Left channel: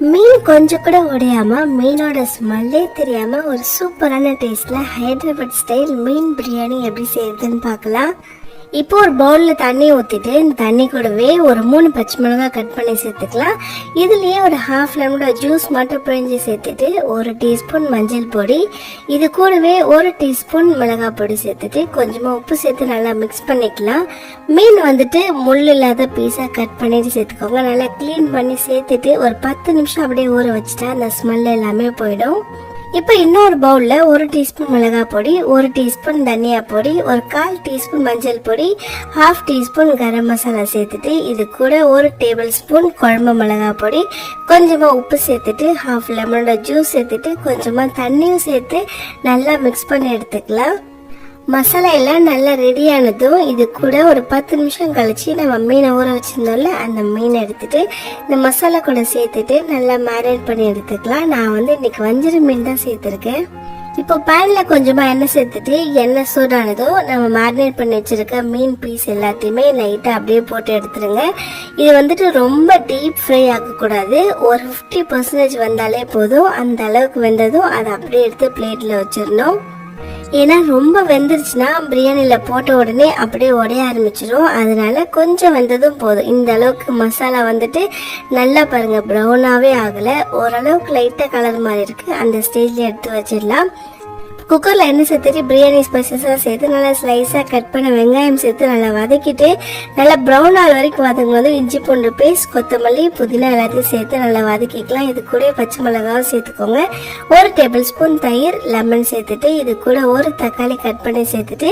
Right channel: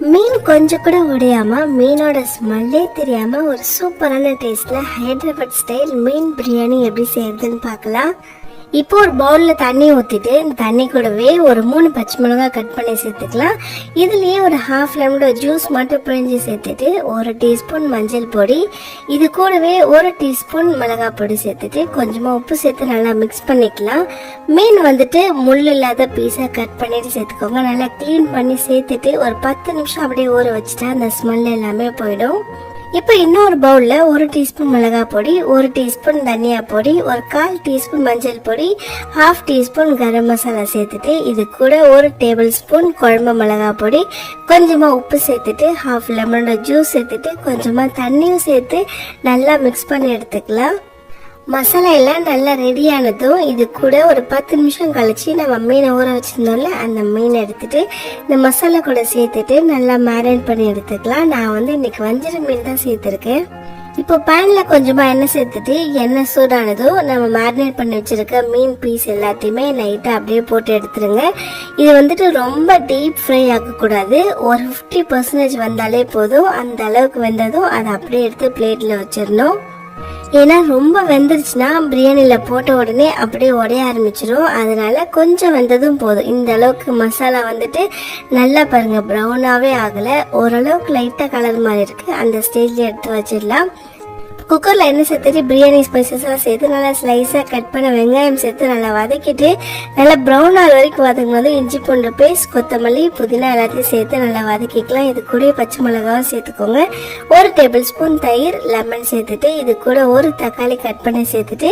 மீன் கொஞ்சம் கூட உடையாம மீனோட ஸ்மெல்லே தெரியாம ஒரு சூப்பரான டேஸ்ட்ல ஹைதராபாத் ஸ்டைல் மீன் பிரியாணி எப்படி செய்யறதுன்னு பார்க்கலாம். இப்போ ஒரு பவுல்ல தண்ணி ஊத்திட்டு இந்த தண்ணி கூடவே ஒரு 3 பச்சை மிளகாய் கட் பண்ணி சேர்த்துக்கலாம். இதுலயே ஒரு ஹாஃப் லெமனோட ஜூஸ் மட்டும் பிழிஞ்சு சேர்த்துட்டு 1 டீஸ்பூன் மஞ்சள் பொடி, இது கூடவே 1 டீஸ்பூன் மிளகாய் பொடி சேர்த்துட்டு கொஞ்சமா உப்பு சேர்த்து நல்லா மிக்ஸ் பண்ணிக்கலாம். மீன் வந்துட்டு முள் இல்லாத பீஸா கட் பண்ணிட்டு சேர்த்துக்கோங்க. நல்லா கிளீன் பண்ணி சேர்த்துட்டு ஒரு 10 நிமிஷம் அப்படியே ஊற வச்சுட்டா அந்த ஸ்மெல் எல்லாமே போயிடும். இப்போ இன்னொரு பவுல்ல 1 டீஸ்பூன் மிளகாய் பொடி, 1 டீஸ்பூன் தனியா பொடி, ஒரு 1/4 டீஸ்பூன் மஞ்சள் பொடி, 1/2 டீஸ்பூன் கரம் மசாலா சேர்த்துட்டு இது கூட 1 டேபிள் ஸ்பூன் குழம்பு மிளகாய் பொடி, கொஞ்சமா உப்பு சேர்த்துட்டு 1/2 லெமனோட ஜூஸ் சேர்த்துட்டு கொஞ்சமா தண்ணியும் சேர்த்து நல்லா மிக்ஸ் பண்ணி எடுத்துக்கலாம். மசாலா எல்லாம் நல்லா ரெடி ஆனதும் இது கூட ஒரு 10 நிமிஷம் கழிச்சு நம்ம மீனை ஊற வச்சிருந்தோம்ல அந்த மீன் எடுத்துட்டு இந்த மசாலா கூட சேர்த்துட்டு நல்லா மேரினேட் பண்ணி எடுத்துக்கலாம். நான் இன்னைக்கு வஞ்சர மீன் தான் சேர்த்துருக்கேன். இப்போ பேன்ல கொஞ்சமா எண்ணெய் சேர்த்துட்டு எண்ணெய் சூடானதும் நம்ம மேரினேட் பண்ணி வச்சிருக்க மீன் பீஸ் எல்லாத்தையுமே லைட்டா அப்படியே போட்டு எடுத்துருங்க. இது ரொம்ப டீப் ஃப்ரை ஆக்க கூடாது. ஒரு 50% வந்தாலே போதும். அந்த அளவுக்கு வெந்ததும் அதை அப்படியே எடுத்து பிளேட்ல வச்சிடணும். ஏன்னா ரொம்ப வெந்துருச்சுன்னா பிரியாணில போட்ட உடனே அப்படியே உடைய ஆரம்பிச்சிடும். அதனால கொஞ்சம் வெந்ததும் போதும். இந்த அளவுக்கு மசாலா நல்லா பாருங்க ப்ரௌனாவே ஆகல, ஓரளவுக்கு லைட்டா கலர் மாதிரி இருக்கு. அந்த ஸ்டேஜ்ல எடுத்து வச்சிடலாம். குக்கர்ல எண்ணெய் சேர்த்துட்டு பிரியாணி ஸ்பைசஸா சேர்த்து நல்லா ஸ்லைஸா கட் பண்ண வெங்காயம் சேர்த்து நல்லா வதக்கிட்டு நல்லா ப்ரௌன் ஆகிற வரைக்கும் வதங்கும்போது இஞ்சி பூண்டு பேஸ்ட், கொத்தமல்லி, புதினா எல்லாத்தையும் சேர்த்து நல்லா வதக்கிக்கலாம். இது கூட பச்சை மிளகாவும் சேர்த்துக்கோங்க. 1 டேபிள் ஸ்பூன் தயிர், லெமன் சேர்த்துட்டு இது கூட 1 தக்காளி கட் பண்ணி சேர்த்துட்டு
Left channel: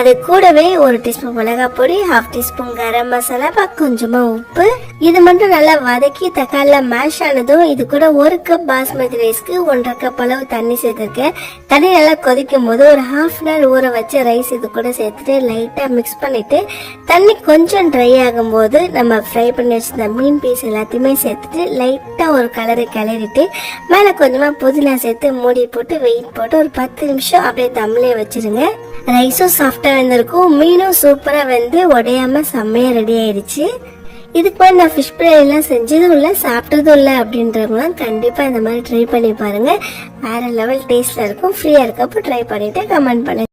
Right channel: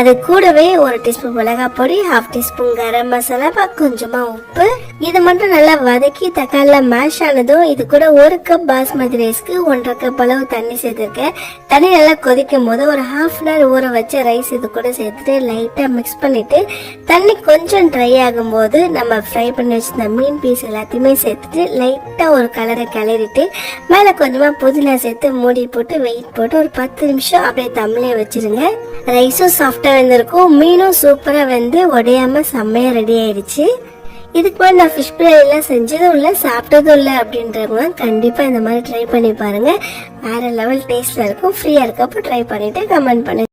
அது கூடவே 1 டீஸ்பூன் மிளகாய் பொடி, 1/2 டீஸ்பூன் கரம் மசாலா, கொஞ்சமா உப்பு, இது மட்டும் நல்லா வதக்கி தக்காளில மேஷ் ஆனதும் இது கூட 1 கப் பாஸ்மதி ரைஸ்க்கு 1.5 கப் அளவு தண்ணி சேர்த்திருக்கேன். தண்ணி நல்லா கொதிக்கும் போது ஒரு 1/2 hour ஊற வச்ச ரைஸ் இது கூட சேர்த்துட்டு லைட்டா மிக்ஸ் பண்ணிட்டு தண்ணி கொஞ்சம் ட்ரை ஆகும் போது நம்ம ஃப்ரை பண்ணி வச்சிருந்த மீன் பீஸ் எல்லாத்தையுமே சேர்த்துட்டு லைட்டா ஒரு கலரை கிளறிட்டு மேல கொஞ்சமா புதினா சேர்த்து மூடி போட்டு வெயிட் போட்டு ஒரு 10 நிமிஷம் அப்படியே தம்மிலே வச்சிருங்க. ரைஸும் சாஃப்டா வெந்திருக்கும், மீனும் சூப்பரா வெந்து உடையாம செம்மையா ரெடி ஆயிடுச்சு. இதுக்கு மேலே நான் ஃபிஷ் பிரியாணி எல்லாம் செஞ்சதும் இல்லை சாப்பிட்டதும் இல்லை அப்படின்றவங்க கண்டிப்பா இந்த மாதிரி ட்ரை பண்ணி பாருங்க. வேற லெவல் டேஸ்ட்ல இருக்கும். ஃப்ரீயா இருக்கப்போ ட்ரை பண்ணிட்டு கமெண்ட் பண்ணுங்க.